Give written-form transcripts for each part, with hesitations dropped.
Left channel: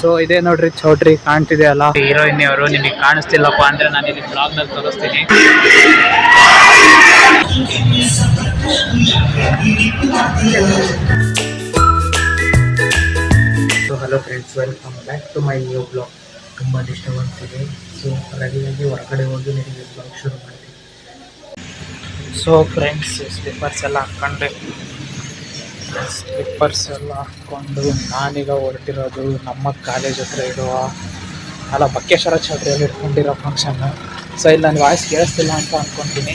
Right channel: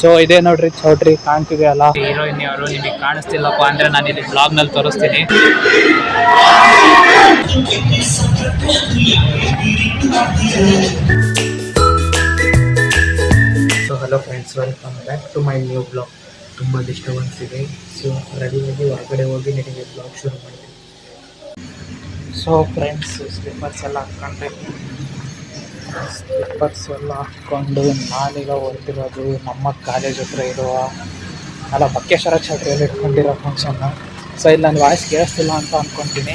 So ಇದೇ ನೋಡ್ರಿ ಚೌಟ್ರಿ ಕಾಣ್ತಿದೆ ಅಲ್ಲ, ಹೀರೋಯಿನ್ ಅವರು. ನಿಮಗೆ ಕಾಣಿಸ್ತಿಲ್ಲಪ್ಪ ಅಂದ್ರೆ ನಾನು ಇಲ್ಲಿ ಬ್ಲಾಗ್ ನಲ್ಲಿ ತೋರಿಸ್ತೀನಿ. So hello friends, welcome back to my new blog. ತುಂಬ ಡಿಸ್ಟರ್ಬೆನ್ಸ್ ಇದೆ. ಸೊ ರೆಡಿಯಾಗಿ ಹೊರಗಡೆ ಹೋಗಿ ನಿಮಗೆ ಬ್ಲಾಗ್ ಶುರು ಮಾಡ್ತೀನಿ. ಸೊ ಫ್ರೆಂಡ್ಸ್, ಸ್ಲಿಪ್ಪರ್ಸ್ ಎಲ್ಲ ಹಾಕ್ಕೊಂಡು ನಾನೀಗ ಹೊರಟಿರೋದು ನಮ್ಮ ಕಾಲೇಜ್ ಹತ್ರ ಇರುವ ಬಕ್ಕೇಶ್ವರ ಚೌಟ್ರಿಯಲ್ಲಿ ಇಟ್ಕೊಂಡಿರೋ ಫಂಕ್ಷನ್ನು. ಸೊ ಇಲ್ಲಿ ನನ್ನ ವಾಯ್ಸ್ ಕೇಳಿಸ್ತಿಲ್ಲ ಅಂತ ಅಂದ್ಕೊತೀನಿ,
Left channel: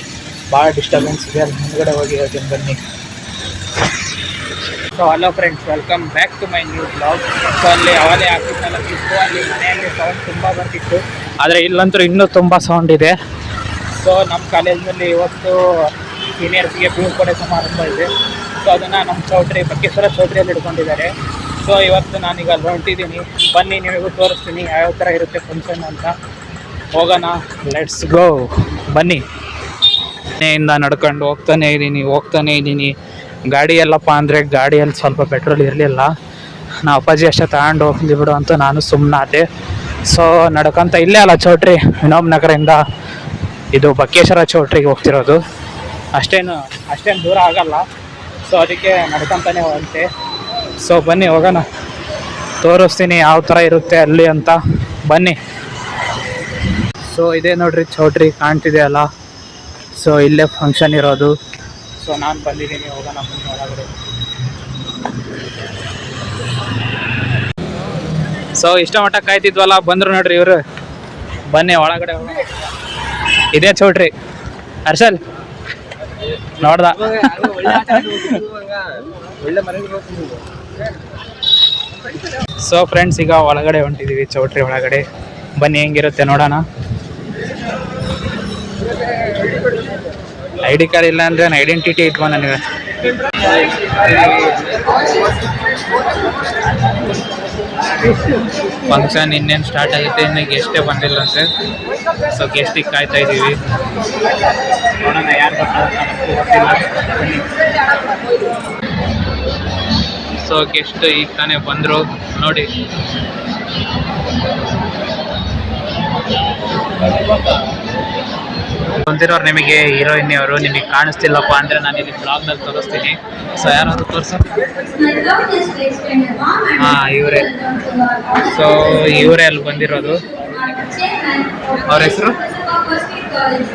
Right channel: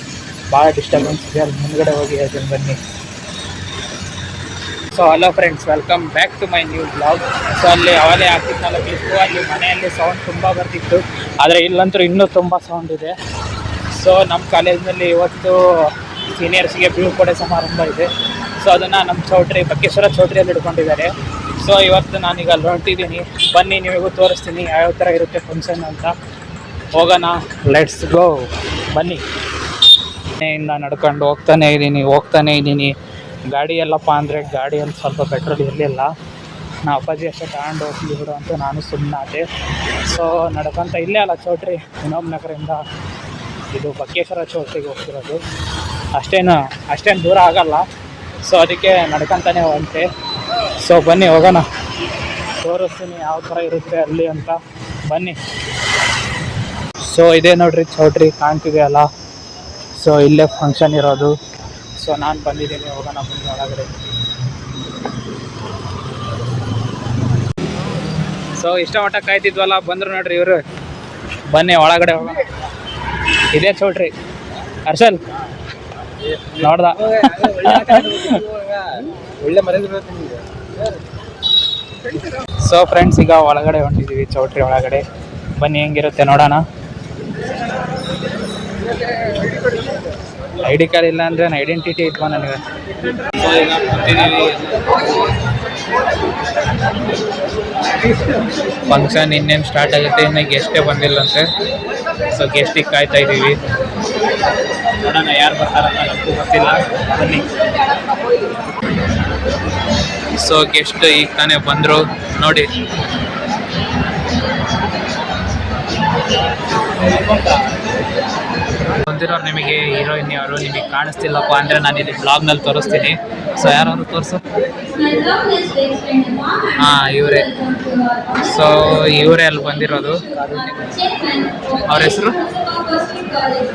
ಭಾಳ ಡಿಸ್ಟರ್ಬೆನ್ಸ್ ಇದೆ. ಅಲ್ಲಿ ಮುಂದ್ಗಡೆ ಹೋಗಿ ಹೇಳ್ತೀನಿ ಬನ್ನಿ. So hello friends, welcome back to my new blog. So ಅಲ್ಲಿ ಅವಲೇ ಆಗ್ತಿತ್ತಲ್ಲ ಕ್ಲಿಪ್ಪು, ಅಲ್ಲಿ ಮನೆಯಲ್ಲಿ ಸೌಂಡ್ ತುಂಬ ಬರ್ತಿತ್ತು, ಆದರೆ ಇಲ್ಲಂತೂ ಇನ್ನೂ ತುಂಬ ಸೌಂಡ್ ಇದೆ. ಸೊ ನಮ್ಮ ಕಾಲೇಜಿನಲ್ಲಿ ಇವತ್ತು ಸೀನಿಯರ್ಸ್ಗೆ ಬೀಳ್ಕೊಡೆ ಸಮಾರಂಭ ಇದೆ. ಸೊ ಅದನ್ನು ನಮ್ಮ ಬಕ್ಕೇಶ್ವರ ಚೌಟ್ರಿಯಲ್ಲಿ ಇಟ್ಕೊಂಡಿದ್ದಾರೆ. ಸೊ ಇವತ್ತು ನಾನೀಗ ಅಲ್ಲಿ ಹೊರಟಿದ್ದೀನಿ. ಬನ್ನಿ, ನಿಮಗೂ ತೋರಿಸ್ತೀನಿ ಯಾವ್ಯಾವ ಥರ ಇರುತ್ತೆ ಫಂಕ್ಷನ್ ಅಂತ. ಹೋಗೋಣ, ಲೆಟ್ಸ್ ಗೋ, ಬನ್ನಿ. ಮನೆಯಿಂದ ನಡ್ಕೊಂಡು ಹೋಗ್ತಾನೇ ಇದ್ದೀನಿ. ಗಾಡಿ ಎಲ್ಲಪ್ಪ ಅಂದರೆ ಗಾಡಿಯಲ್ಲಿ ಸ್ವಲ್ಪ ಪೆಟ್ರೋಲ್ ಇರಲಿಲ್ಲ. ನಾವು ಅಪ್ಪಾಜಿ ಅಷ್ಟೇ ತಗೊಂಡು ಹೋಗ್ಲಿ ಬಿಡು ಅಂತ ನಾನು ಸುಮ್ಮನಾದೆ. ಸೊ ನಡ್ಕೊತ ಇಲ್ಲೇ ಅಲ್ಲ ಚೌಟ್ರಿ, ವಿನೋಬ್ ನಗರದಿಂದ ಇದು ಬಕ್ಕೇಶ್ವರ ಚೌಟ್ರಿಗೆ ಹೋಗ್ತಿರೋದು. ಅಷ್ಟೇನು ದೂರ ಆಗಲ್ಲ. ಸೊ ಅದಕ್ಕೆ ನಡ್ಕೊತಾನೆ ಹೋಗಂತೆ. ಸೊ ಬನ್ನಿ ಹೋಗೋಣ, ತೋರಿಸ್ತೀನಿ ಯಾವ ಥರ ಇರುತ್ತೆ ಅಲ್ಲಿ ಅಂತ. ಬನ್ನಿ. ಸೊ ಇದೇ ನೋಡ್ರಿ ಚೌಟ್ರಿ ಕಾಣ್ತಿದೆ ಅಲ್ಲ, ಸೊ ಇಲ್ಲೇ ಫಂಕ್ಷನ್ ಇರೋದು. ಸೊ ನಾನು ಬಂದಿದ್ದೀನಿ, ಹೋಗೋಣ ಬನ್ನಿ ಒಳಗಡೆ. ಸೊ ಇಷ್ಟ ಮಟ್ಟ ಕಾಯ್ತಿದ್ವಲ್ಲ, ಬಂದರು ನೋಡ್ರಿ ಇವರು. ಬನ್ನಿ ಒಳಗಡೆ ಹೋಗೋಣ. ಇದೇ ಚೌಟ್ರಿ. ಹರ್ಷಲ್ ನೋಡ್ದ? ಸೊ ಫ್ರೆಂಡ್ಸ್, ಈಗ ಒಳಗಡೆ ಹೊಂಟಿದ್ದೀವಿ ಚೌಟ್ರಿ ಒಳಗಡೆ. ಬನ್ನಿ ಹೆಂಗಿರುತ್ತೆ ನೋಡೋಣ. ಐಡಿ ಕಾರ್ಡ್ ಇಲ್ಲ ಅಂದರೆ ನಾನು ಐಡೆಂಟಿಟಿ ಇಟ್ಕೊ ನನಗೆ. ಫಂಕ್ಷನ್ ಇನ್ನೇನು ಸ್ಟಾರ್ಟ್ ಆಗುತ್ತೆ, ಇನ್ನು ಗೆಸ್ಟೇ ಬಂದಿಲ್ಲಂತೆ. ಸೊ ಗೆಸ್ಟಿಗೆ ಕಾಯ್ತಾ ಇದ್ದೀವಿ. ನೋಡೋಣ ಯಾರು ಬರ್ತಾರಂತ, ನಮಗೂ ಗೊತ್ತಿಲ್ಲ. ಬನ್ನಿ. ಸೊ ಗೆಸ್ಟ್ ಈಗ ತಾನೇ ಬಂದರು ನೋಡಿ. ಬಂದಿರೋರು ನಿಮಗೆ ಹೀರೋಯಿನ್ ಅವರು. ನಿಮಗೆ ಕಾಣಿಸ್ತಿಲ್ಲಪ್ಪ ಅಂದರೆ ನಾನು ಇಲ್ಲಿ ಬ್ಲಾಗ್ನಲ್ಲಿ ತೋರಿಸ್ತೀನಿ. ಸೊ ಯಾರಾದ್ರು ತೋರಿಸು. ಹಾಂ, ಇವರೇ. ಸೊ ಇವರೇ ಅಲ್ಲಿ ಬಂದಿರೋದು. ಅವ್ರ ಹೆಸರು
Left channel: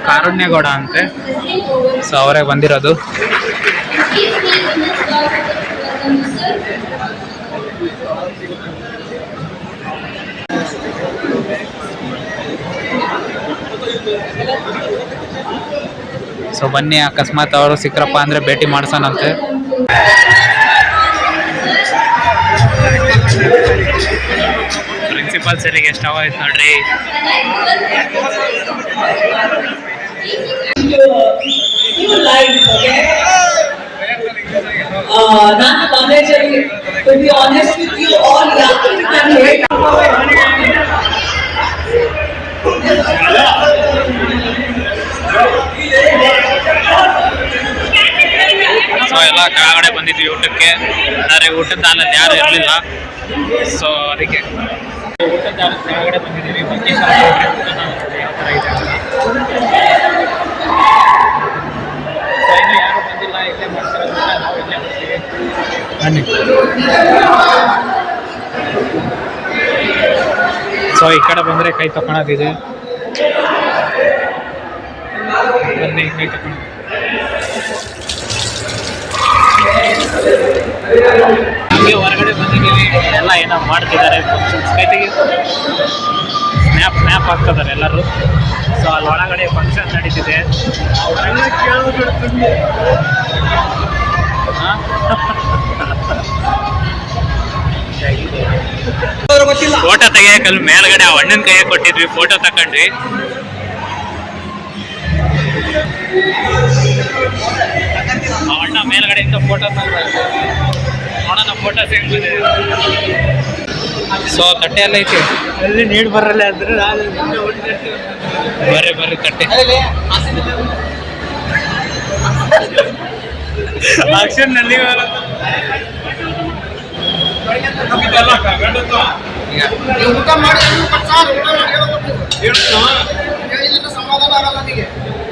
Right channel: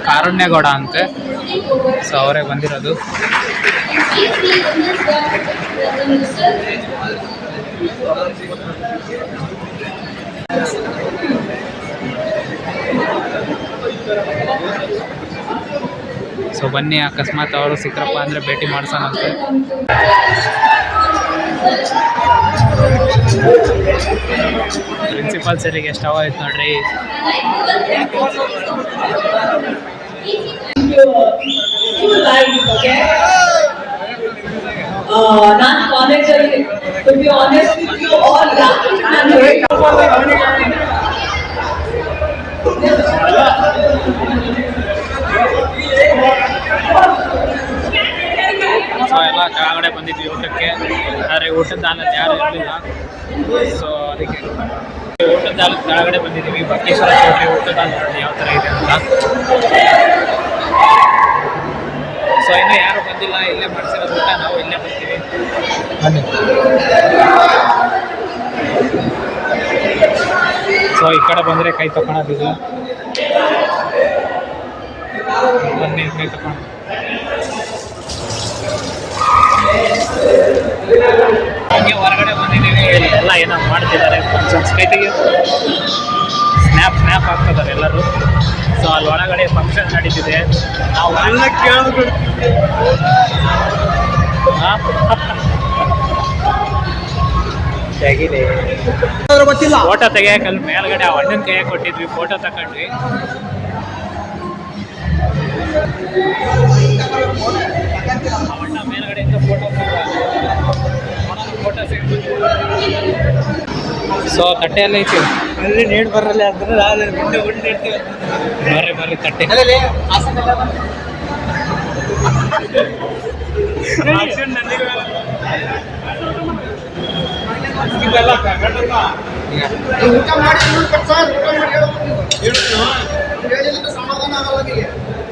ಕಾರುಣ್ಯಗೌಡ ಅಂತೆ. ಸೊ ಅವರೇ ಬಂದಿರೋದು. ಸೊ ಬನ್ನಿ, ಅಕಸ್ಮಾತ್ ಅವರು ಸಿಕ್ಕರಪ್ಪ ಅಂದರೆ ಭೇಟಿ ಮಾಡ್ಸೋಣಂತೆ. ಪ್ರಿನ್ಸಿಪಾಲ್ ಸರಿಗೆ ಎಷ್ಟು ಆಯ್ತು ನೋಡ್ರಿ. ನಾನು ಕಾಲೇಜಲ್ಲಿ to be honest with you all young and great. So ಎಲ್ಲ ಕೆಳಗಡೆ ಬಂದಿದ್ವಿ ಊಟಕ್ಕೆ, ಆದರೆ ಊಟದ ಹಾಲಲ್ಲಿ ಯಾರು ಇರಲಿಲ್ಲ. ಸೊ ಅದಕ್ಕೆ ಊಟದ ಹಾಲು ಕೆಳಗಡೆ ಬಂದಿದ್ದೀವಿ. ಬಕ್ಕೇಶ್ವರ ಚೌಟ್ರಿ ಊಟದ ಹಾಲು ಯಾವ ಥರ ಇದೆ ಅಂತ. ಸೊ ಇನ್ನೂ ಯಾರು ಬಂದಿಲ್ಲ, ಇಲ್ಲೇ ಮಾಡಿಸಿರೋದು ಊಟ, ನಾವು ಇಲ್ಲೇ ಬರ್ತೀವಿ. ಬನ್ನಿ. ಸೊ ಈ ಕಡೆ ಬಂದರೆ ಕೈ ತಗೊಳೋದಿದೆ. ಬನ್ನಿ, ಕೈ ತಗೊಳ. ಹಂಗೆ ಹೊರಗಡೆ ಬಂದಿದ್ದೀವಿ. ಎಲ್ಲ ಏನೋ ಮಾಡ್ತಿದ್ದಾರೆ ಫಂಕ್ಷನ್ಸ್. ಕೈ ತೆಗಿ. ಸ್ನ್ಯಾಪ್ ಆಗ್ತಿದ್ದಾರೆ ಎಲ್ಲರೂ. ಸೊ ಅಲ್ಲಿ ಒಳಗಡೆ ಫಂಕ್ಷನ್ ನಡೀತಿದೆ. ನಾವು ಎಲ್ಲ ಫೋಟೋ ತೆಗಿಯಕಲ್ಲಿ ಮೇಲ್ಗಡೆ ಆ ಅಣ್ಣನ ಕೈಯಾಗ ಕೊಟ್ಟಿದ್ವಿ, ಫೋಟೋ ತಕೊಂಡ್ವಿ. ಆ ಅಣ್ಣ ಮೇಲ್ಗಡೆಯಿಂದ ಫೋಟೋ ತಗೊಂಡು ನೋಡೋಣ ಫೋಟೋಸ್ ಹೆಂಗ್ ಬಂದಿದೆ. ಸೊ ತಟ್ಟೆ ಎಲ್ಲ ಐತಿ ಅಲ್ಲಿ, ನೀರು ಬರಲ್ಲ ಅಂದ್ರೆ ಬರ್ರಿ ತಟ್ಟೆ. ಊಟ ಮಾಡಿ ಊಟ ಮಾಡಿ ಹೇಳಿದ್ರೆ ಸಮಾಧಾನ ಆಗಲ್ಲ ನನಗೆ.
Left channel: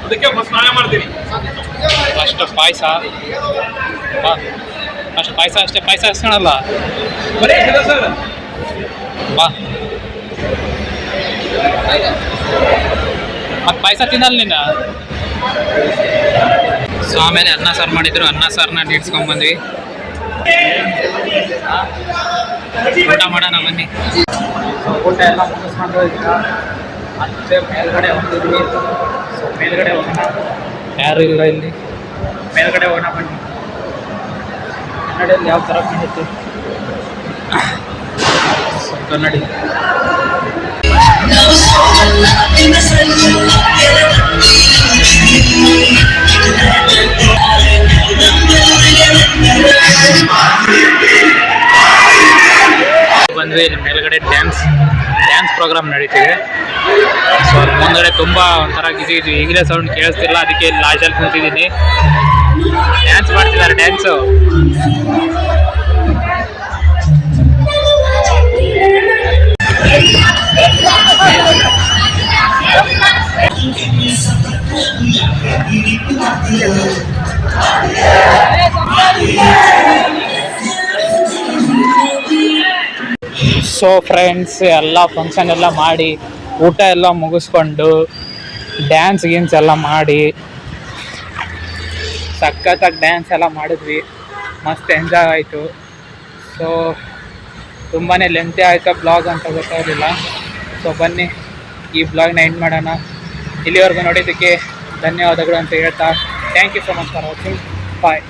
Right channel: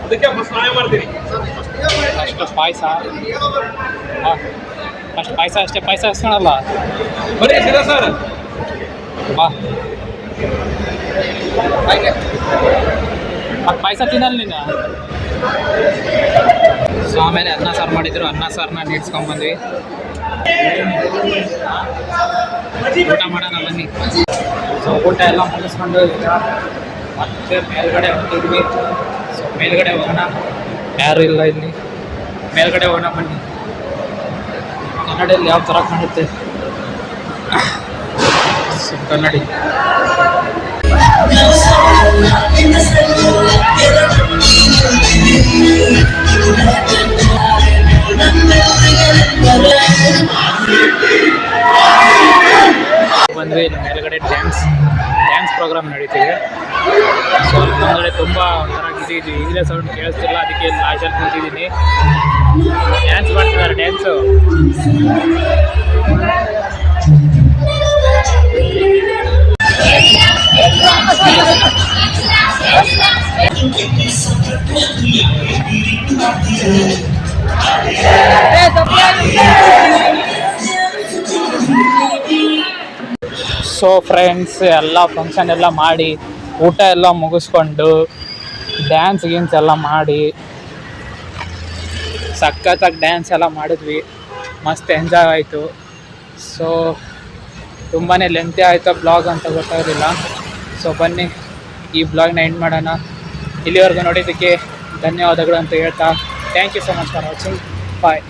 ಅದಕ್ಕೆ ಫಸ್ಟ್ ನಾನೇ ಮಾಡ್ತೀನಿ. ಫಸ್ಟ್ ಪಾಯಸ ಫಸ್ಟ್ ಪಾಯಸ ಅಷ್ಟೇ, ಪಾಯಸ ಅಷ್ಟೇನಲ್ಲ ಬರೀ ಸರ್ ಬಾ. ಮತ್ತೆ ಪಾಯಸ ತಿನ್ನಲ್ಲ ನೀನು. ಸೊ ಆಮೇಲೆ ಅನ್ನ ಸಾರು ಮಾಡಿದ್ರು, ಅನ್ನ ಸಾರನ್ನ ನೀಡ್ಸ್ಕೊಂಡ್ಬಂದ್ವಿ. ಊಟ ಮಾಡೋಣ ಬನ್ನಿ. ಸೊ ಊಟ ಎಲ್ಲ ಮುಗಿಸ್ಕೊಂಡು ಈಗ ಮತ್ತೆ ಮೇಲ್ಗಡೆ ಹೊಂಟಿದ್ವಿ. ಸೊ ಮೇಲ್ಗಡೆ ಹೋಗೋಣ, ಯಾರು ಇಲ್ಲ ಇಲ್ಲಿ. ಮೇಲ್ಗಡೆ ಹೋಗೋಣ ಬನ್ನಿ. ಕನ್ನಡಿಯಲ್ಲಿ ಯಾವ ಥರ ಕಾಣುತ್ತೆ. ಸೊ ಕನ್ನಡಿ ಬಂದ್ವಿ. ಇಲ್ಲಿ ಮೇಲ್ಗಡೆ ಡ್ಯಾನ್ಸ್ ಪ್ರೋಗ್ರಾಮ್ ನಡೀತಿದೆ. ಸೊ ಅಲ್ಲಿ ಮುಂದ್ಗಡೆ ತುಂಬ ಒಂಥರ ಇದು ಈಗಲೇ ಸೌಂಡ್ ಕೇಳಿಸ್ತಿಲ್ಲ, ಅದಕ್ಕೆ ಇಲ್ಲಿ ಲಾಜಲ್ಲಿ ಕುಂತಿದ್ದೀನಿ. ಡ್ಯಾನ್ಸ್ ಮಾಡ್ತಿದ್ದಾರೆ, ಡ್ಯಾನ್ಸು. ಸೊ ಫ್ರೆಂಡ್ಸ್, ಎಲ್ಲ ಫಂಕ್ಷನ್ ಎಲ್ಲ ಮಾಡಿ ಊಟ ಎಲ್ಲ ಮುಗಿಸ್ಕೊಂಡು ಡ್ಯಾನ್ಸ್ ಗೀನ್ಸ್ ಎಲ್ಲ ಮಾಡಿ ಸಖತ್ತಾಗಿ ಡ್ಯಾನ್ಸ್ ಎಲ್ಲ ಮಾಡಿದ್ವಿ. ಮಸ್ತ್ ಎಂಜಾಯ್ ಆಯಿತು. ಸೊ ತುಂಬಾ ಲೆಂತಿ ಆಯಿತು ಬ್ಲಾಗ್ ಅಂತ ಗೊತ್ತಾಗಲಿಲ್ಲ. ಸೊ ಬನ್ನಿ ಈ ಬ್ಲಾಗ್ನ ಎಂಡ್ ಮಾಡೋಣ. ಇಲ್ಲಿವರೆಗೂ ನೋಡಿದ್ದಕ್ಕೆ ಧನ್ಯವಾದಗಳು ಅಂತ ಹೇಳ್ತಾ thank you so much for watching. Bye.